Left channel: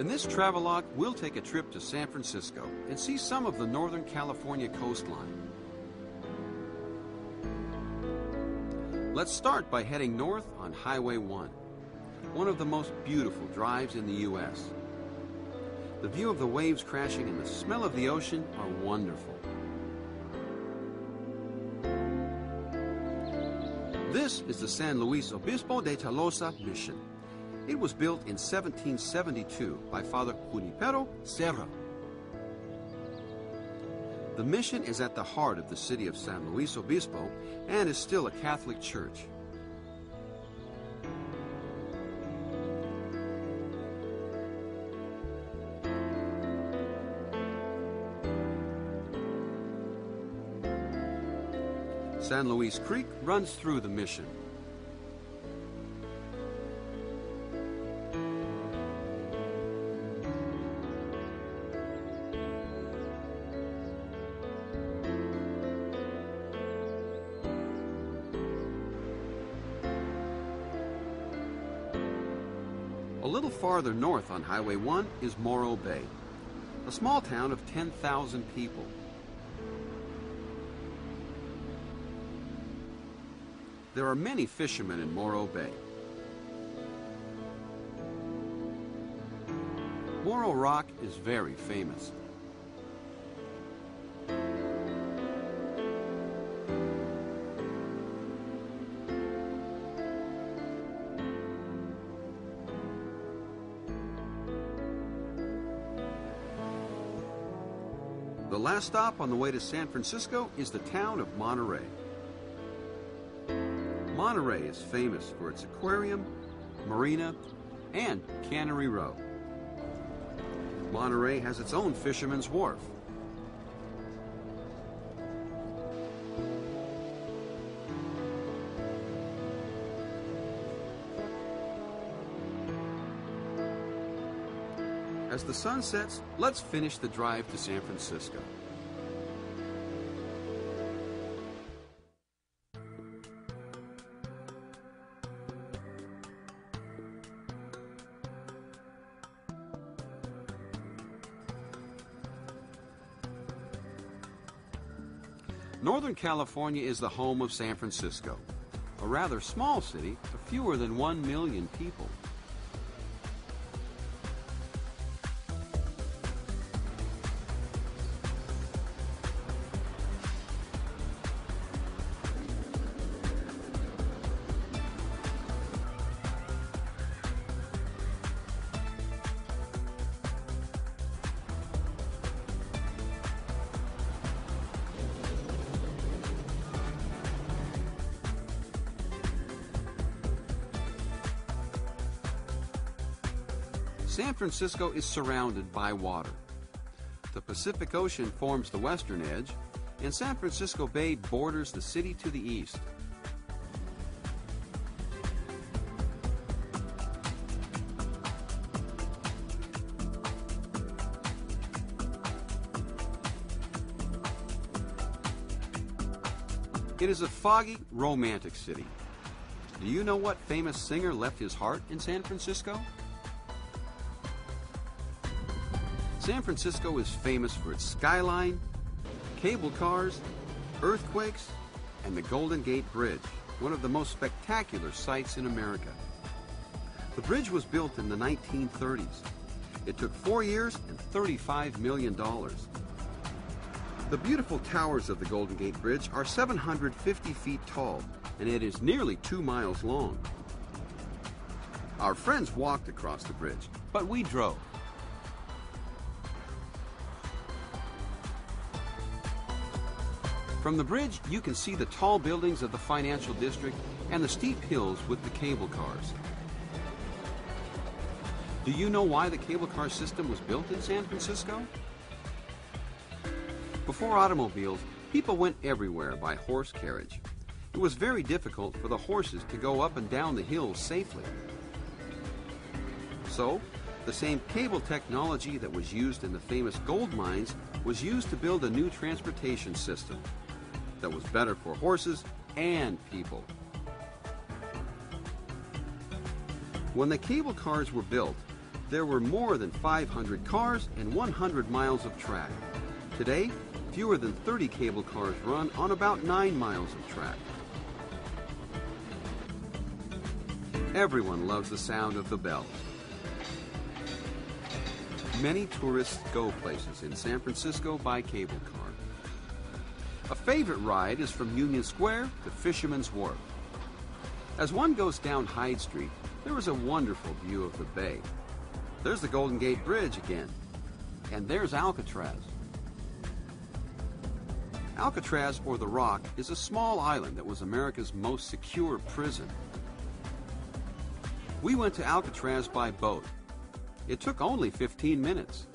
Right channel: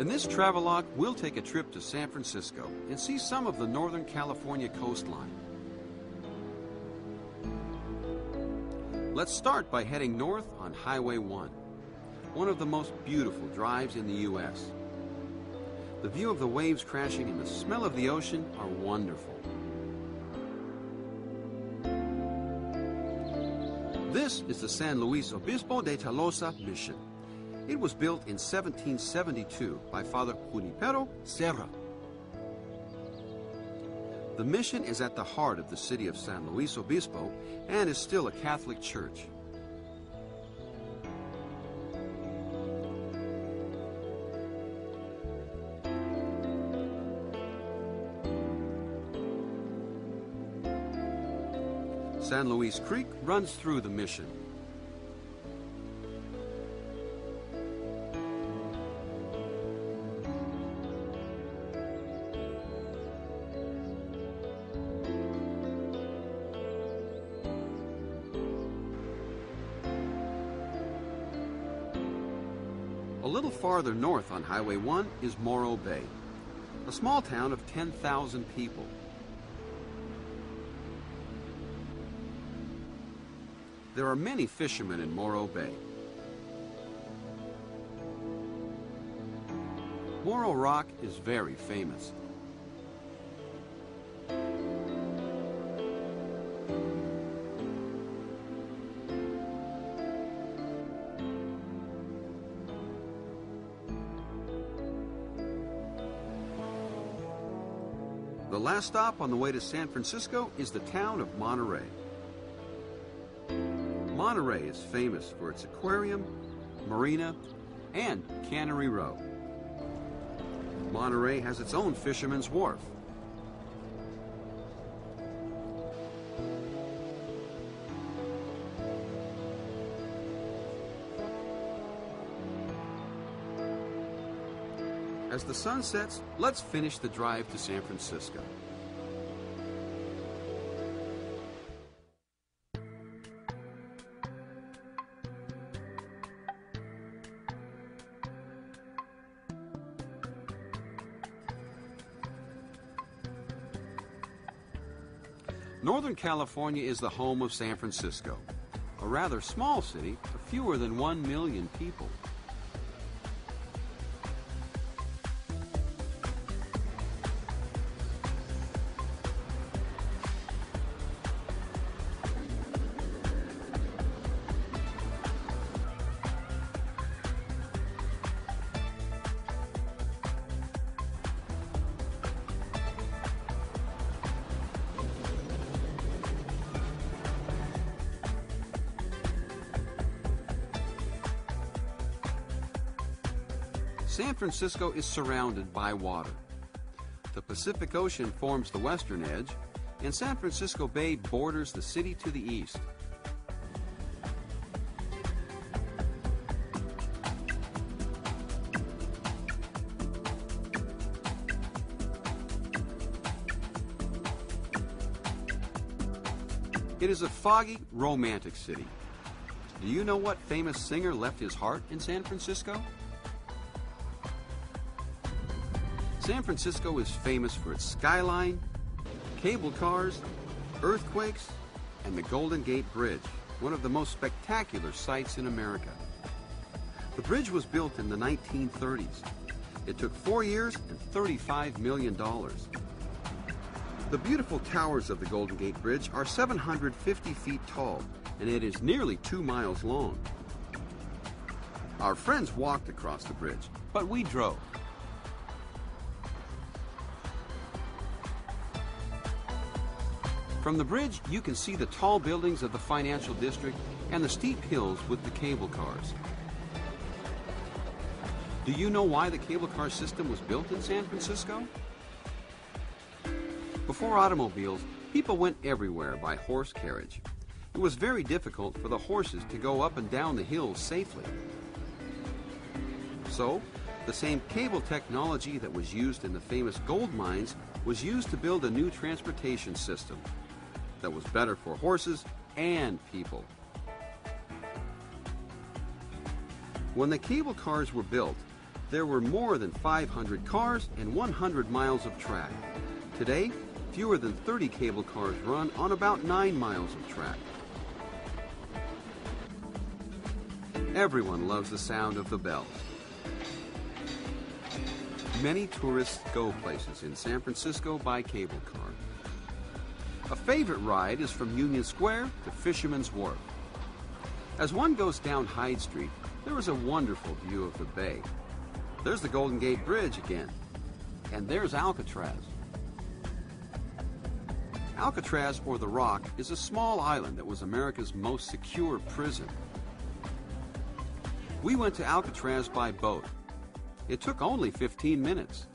In this travelogue, we'll take a trip to San Francisco and see some of the Northern California coastline. Let's start by heading north on Highway 1, one of the most beautiful drives in the U.S. The view of the waves crashing and the smell of the ocean are wonderful. This is the San Luis Obispo de Tolosa mission. It was built in 1772 by Father Junipero Serra. The mission is at the heart of the city of San Luis Obispo and is still a Catholic church. San Luis Creek runs through the mission. A little farther north on Highway 1 is Morro Bay, a small town of 10,000 people. There are many fishermen in Morro Bay. Morro Rock is very famous. The last stop on the way to San Francisco is the town of Monterey. Monterey is famous for its aquarium, marina, and Cannery Row. Monterey has its own fisherman's wharf. As the sun sets, let's finish the drive to San Francisco. Northern California is the home of San Francisco, a rather small city of fewer than 1 million people. San Francisco is surrounded by water. The Pacific Ocean forms the western edge, and San Francisco Bay borders the city to the east. It is a foggy, romantic city. Do you know what famous singer left his heart in San Francisco? San Francisco is famous for its skyline, cable cars, earthquakes, and the Golden Gate Bridge, one of the most spectacular sights in America. The bridge was built in the 1930s. It took 4 years and $35 million. The beautiful towers of the Golden Gate Bridge are 750 feet tall, and it is nearly 2 miles long. Our friends walked across the bridge, but we drove. From the bridge, you can see the tall buildings of the financial district and the steep hills with the cable cars. Do you know why the cable car system was built in San Francisco? Before automobiles, people went everywhere by horse carriage. It was very difficult for the horses to go up and down the hills safely. So, the same cable technology that was used in the famous gold mines was used to build a new transportation system that was better for horses and people. When the cable cars were built, there were more than 500 cars and 100 miles of track. Today, fewer than 30 cable cars run on about 9 miles of track. Everyone loves the sound of the bells. Many tourists go places in San Francisco by cable car. A favorite ride is from Union Square to Fisherman's Wharf. As one goes down Hyde Street, there is a wonderful view of the bay. There's the Golden Gate Bridge again, and there's Alcatraz. Alcatraz, or the Rock, is a small island that was America's most secure prison. We went to Alcatraz by boat. It took only 15 minutes.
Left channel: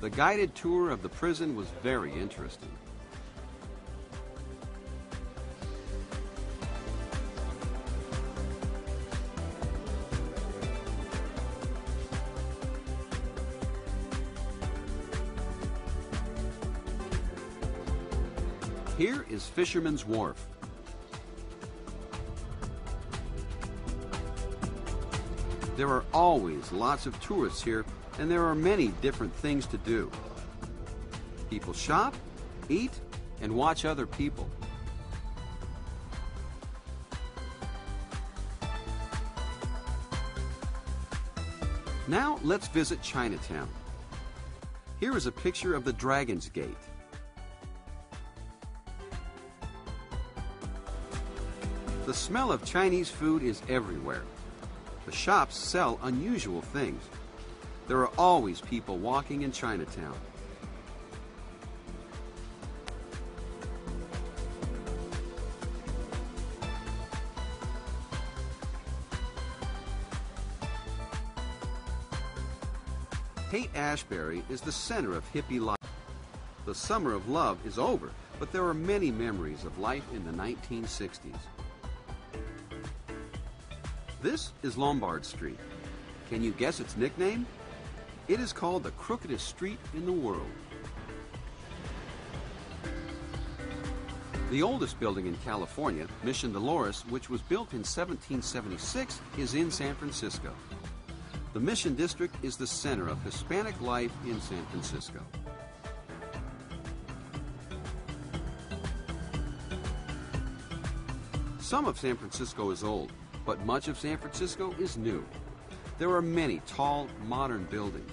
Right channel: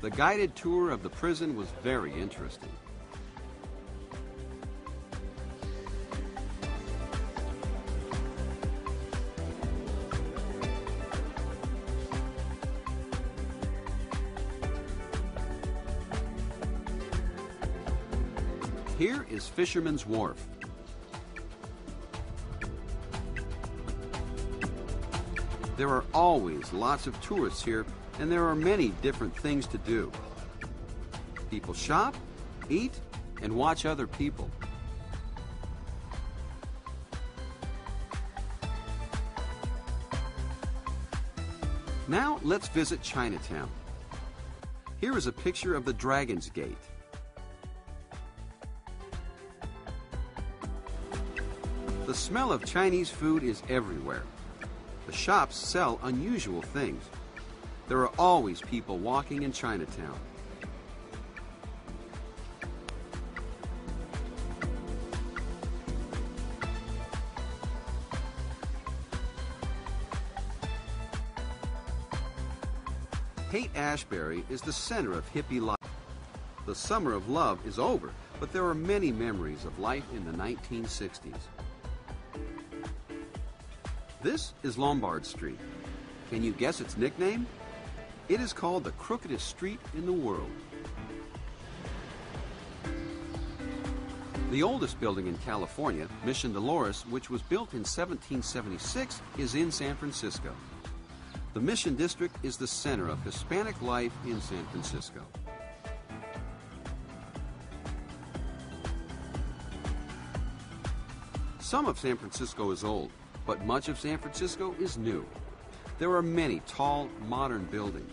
The guided tour of the prison was very interesting. Here is Fisherman's Wharf. There are always lots of tourists here, and there are many different things to do. People shop, eat, and watch other people. Now let's visit Chinatown. Here is a picture of the Dragon's Gate. The smell of Chinese food is everywhere. The shops sell unusual things. There are always people walking in Chinatown. Haight-Ashbury is the center of hippie life. The summer of love is over, but there are many memories of life in the 1960s. This is Lombard Street. Can you guess its nickname? It is called the crookedest street in the world. The oldest building in California, Mission Dolores, which was built in 1776, is in San Francisco. The Mission District is the center of Hispanic life in San Francisco. Some of San Francisco is old, but much of San Francisco is new. There are many tall, modern buildings.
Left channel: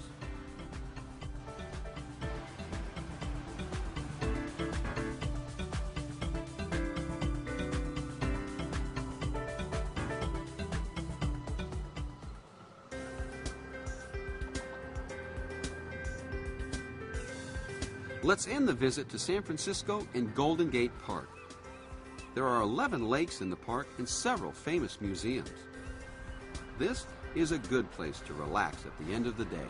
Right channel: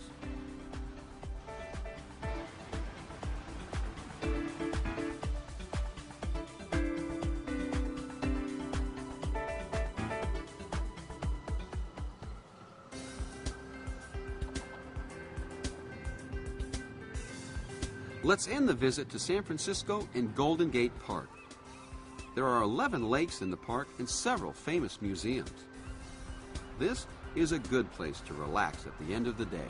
Let's end the visit to San Francisco and Golden Gate Park. There are 11 lakes in the park and several famous museums. This is a good place to relax at the end of the day.